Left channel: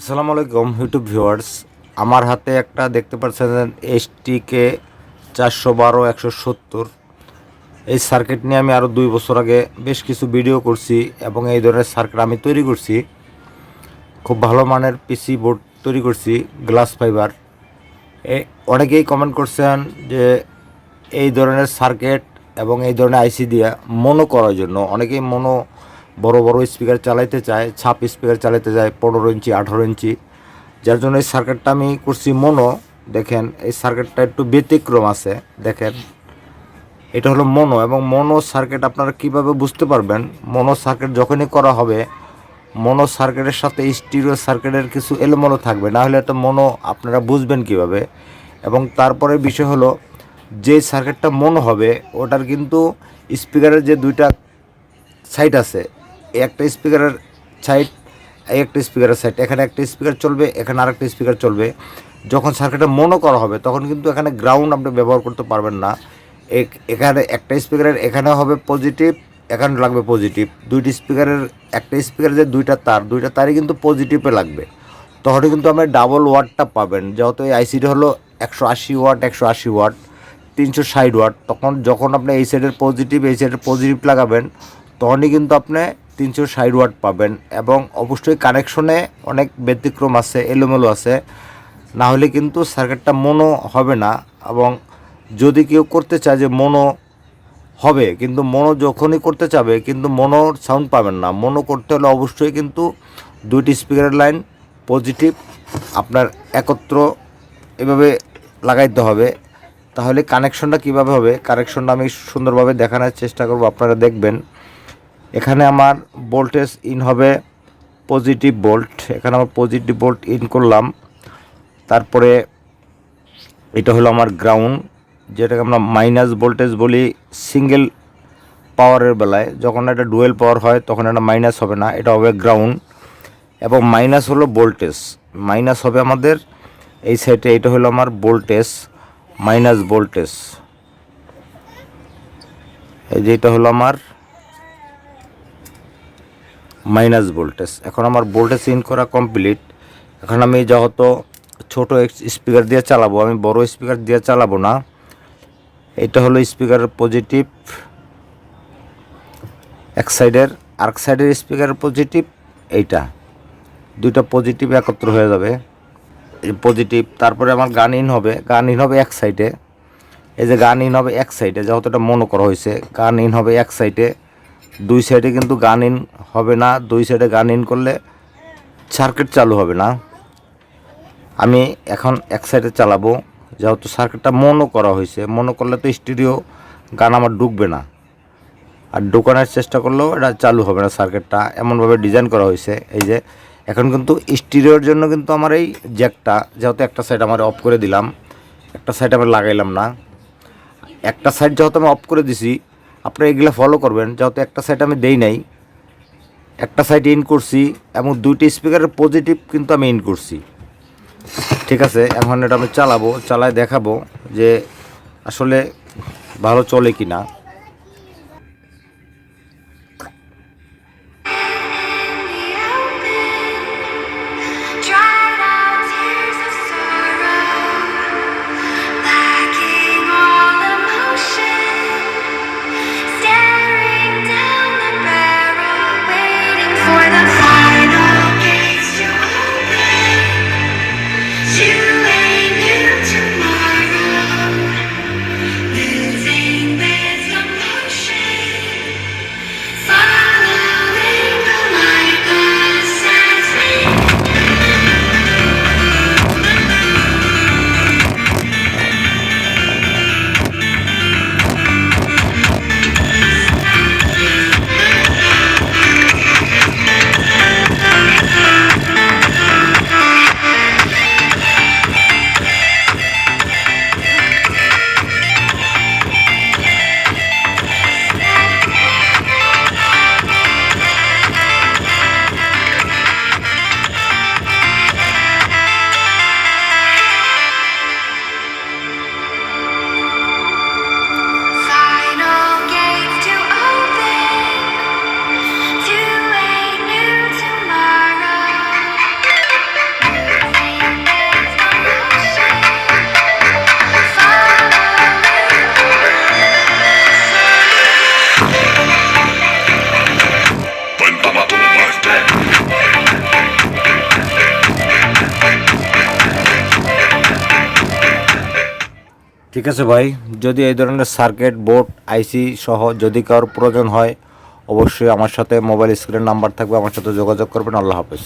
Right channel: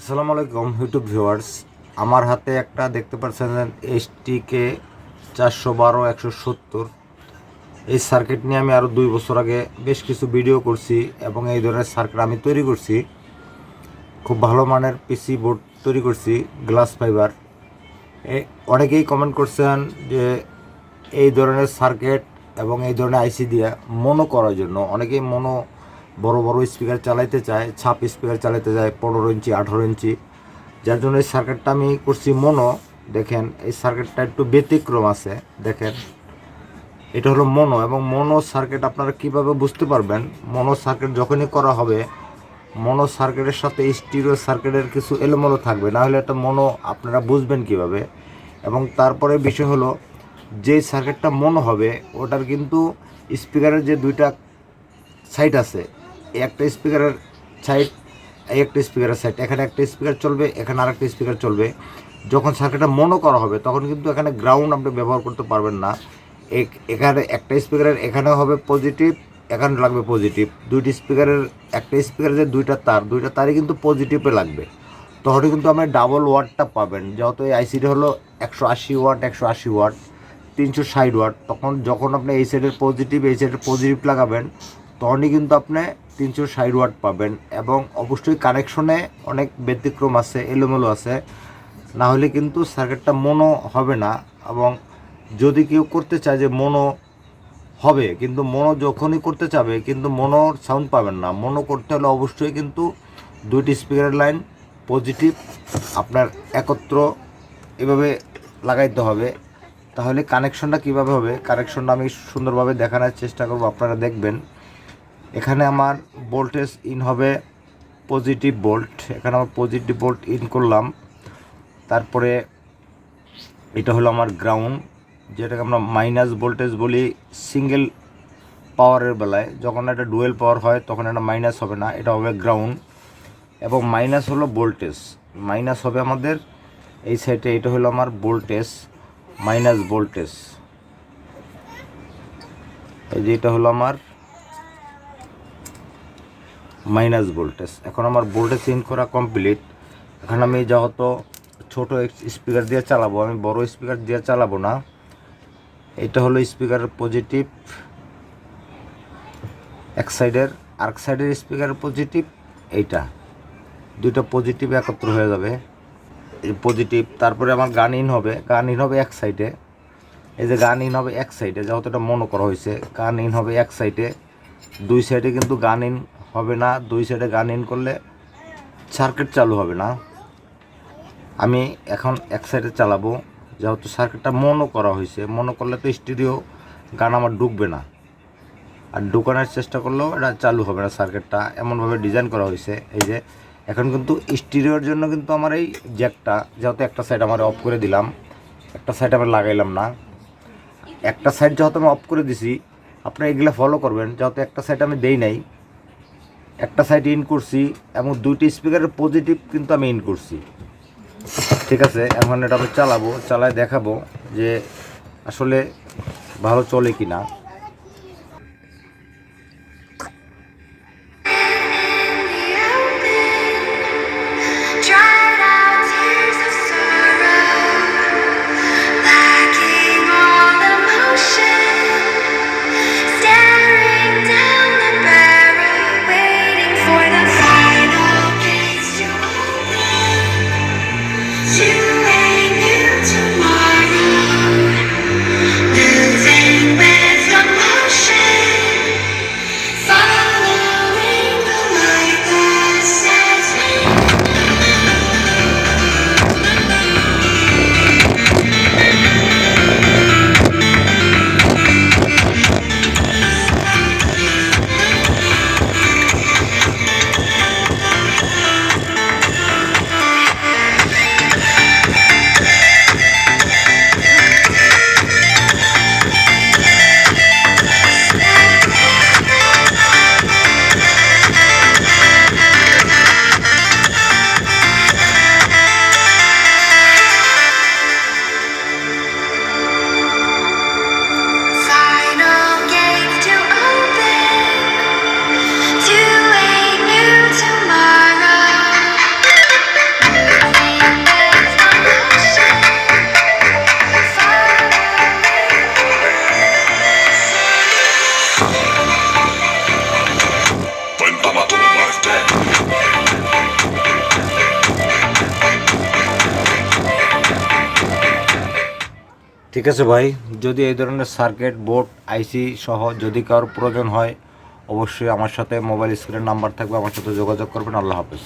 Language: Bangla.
আসসালামু আলাইকুম ইউটিউব ভিউয়ার্স আমার হাতে একটা দেখতে পাচ্ছেন এসটিকে চারশো বারো, একশো সত্তর। এই সার্কিট নিয়ে আমি আরও দুই বছর আগে বেশ কিছু ভিডিও করছি এবং এই ধরনের সার্কিট আমি তৈরি করছি। খুব ভালো মানের পিসি বোর্ড তৈরি করছি গ্লাস ফাইবার অনেকেই কমেন্ট করছেন যে এই ধরনের সার্কিট এবং এই ধরনের আইসি দিয়ে মনো করার জন্য, অনেকেই মনো বড় বড় স্পিকার চালাইতে চায়, ছাপ স্পিকার চালাতে চায় পনেরো ইঞ্চি, আঠারো ইঞ্চি। যার জন্য এই সার্কিটটা আমি করছি মনো দেখেন, এই সার্কিটটা একটু ব্যতিক্রম আছে, দেখেন। এটা হলো মনো এবং মনো সার্কিট আপনারা কীভাবে বুঝতে পারবেন? মনো সার্কিট যখনই করা হবে মনো সার্কিটের সাথে স্টিরিও সার্কিটের কিছু এলোমেলো থাকবে। না হলে একটা মনো আপনারা বুঝবেন কীভাবে? এবং তারপরে বিষয় হলো, যে সার্কিটটা মনো হবে, ওটার কিন্তু স্পিকারের যে দুইটা সাইড আছে একটা স্পিকারের সাইড একটা স্পিকারের সাইড এখানে একটা স্পিকার চলবে, এখানে আরেকটা স্পিকার চলবে। যখন সার্কিটটা মনো করা হবে, তখন কিন্তু এখানে গ্রাউন্ড আপনি ব্যবহার করতে পারবেন না। এক- এখানে একটা স্পিকারের এখানে হবে পজিটিভ এখানে লাগবে পজিটিভ দুইটি স্পিকারের একটা স্পিকারের যে দুইটা তার, দুইটা তারই কিন্তু পজিটিভে লাগবে। তখনই কিন্তু আপনি ডাবল ওয়াটটা পাবেন। যেহেতু এই আইসিটা হলো একশো আশি ওয়াট একশো আশি ওয়াট তিনশো ষাট ওয়াট তখন যখন আপনি এই সাইডের পজিটিভ এই সাইডের পজিটিভ লাগাবেন তখনই কিন্তু আপনি তিনশো ষাট ওয়াট পাবেন এবং অবশ্যই কানেকশনে অনেক ব্যতিক্রম আছে, এলোমেলো আছে। না হলে কিন্তু সার্কিটটা মনো হবে না এবং যদি কেউ করতে চায় যে মনো হবে, কিন্তু মনো যখনই করতে চাবে, কিন্তু মনোর সাউন্ড পাবেন না। মনো করতে হলে অবশ্যই কিন্তু দুইটি স্পিকারের লাইন পজিটিভ আপনার একত্র এভাবে লাগাইতে হবে। তাহলে কানেকশনটা কীভাবে হবে? কানেকশনটা আমি সুন্দরভাবে দেখানোর চেষ্টা করব, আপনারা দেখবেন। এখানে আমার ভোল্টেজ ইন হবে পজিটিভ ভোল্ট এখানে আমার পজিটিভ ভোল্ট ইন করলাম। তারপরে এটা হলো আমার গ্রাউন্ড যেটাকে আমরা মাইনাস ভোল্টেজ বলি সিঙ্গেল পাওয়ারের বেলায়। যখন এটা ডুয়েল পাওয়ার হয়, তখন এটা মাইনাস হবে না, এটা হবে গ্রাউন্ড এবং মাইনাস হলো ভোল্টেজ মাইনাস হবে আমাদের, এই সাইডে এটা হলো আমার ভোল্টেজ মাইনাস ভোল্টেজ এই যে এটা হলো আমার মাইনাস ভোল্টেজ এখন আমার ভোল্টেজ ইন করা কমপ্লিট এখন আমি যেহেতু ছোট স্পিকার দিয়ে চালাবো, আমি বড় স্পিকার দিয়ে চালাবো না। এটা হলো স্পিকারের পজিটিভ এক সাইডের আরেক সাইডের স্পিকারের পজিটিভ এইটা। দুইটা পজিটিভ একত্র হয়ে যাবে। পজিটিভ তারপরে আমার গান ইন হবে। গান ইন হবে এক সাইডে এই যে গান ইন হবে এক সাইডে যেহেতু এটা মনে করা হয়েছে, গান ইন হবে এক সাইডে দুই সাইডে কিন্তু গান ইন হবে না, দুই সাইডে গান ইন করলে সার্কিট চালু হবে না। আমি এখন এক সাইডে চালাবো, যেহেতু সার্কিটটা মনও করা হয়েছে মনো করলে তো স্টুডিও গান আমার ঢুকবে না। আর ঢোকানোর চেষ্টা করলেও এটা চালু হবে না সার্কিটটা এমনভাবে ডিজাইন করা হয়েছে। এই যে, এখন কিন্তু স্টিরিওর জন্য কিন্তু আমার এই জ্যাকটা যেহেতু একটা সাইড আমার অফ করে দিলাম, একটা সাইড আমি লাগাইলাম না। একটা সাইড যেহেতু আমি অফ করে দিছি, আপনারা এগুলো ফলো করবেন, যেহেতু একটা সাইড আমি দেই নাই একটা সাইড ইন করছি এবং দুইটি স্পিকারের পজিটিভ কিন্তু আমি ইন করছি। ঠিক আছে এখন এটা আমি চালাবো, চালায় দেখাবো যে আসলে ভালো চলে কি না ঠিক আছে ভাই, যদি এই ধরনের সার্কিট বোর্ড আইসি সহ যদি কারোর প্রয়োজন হয়, অবশ্যই আমার সাথে মোবাইল স্ক্রিনের নাম্বার থাকবে, আমার সাথে যোগাযোগ করবেন। আল্লাহ হাফেজ।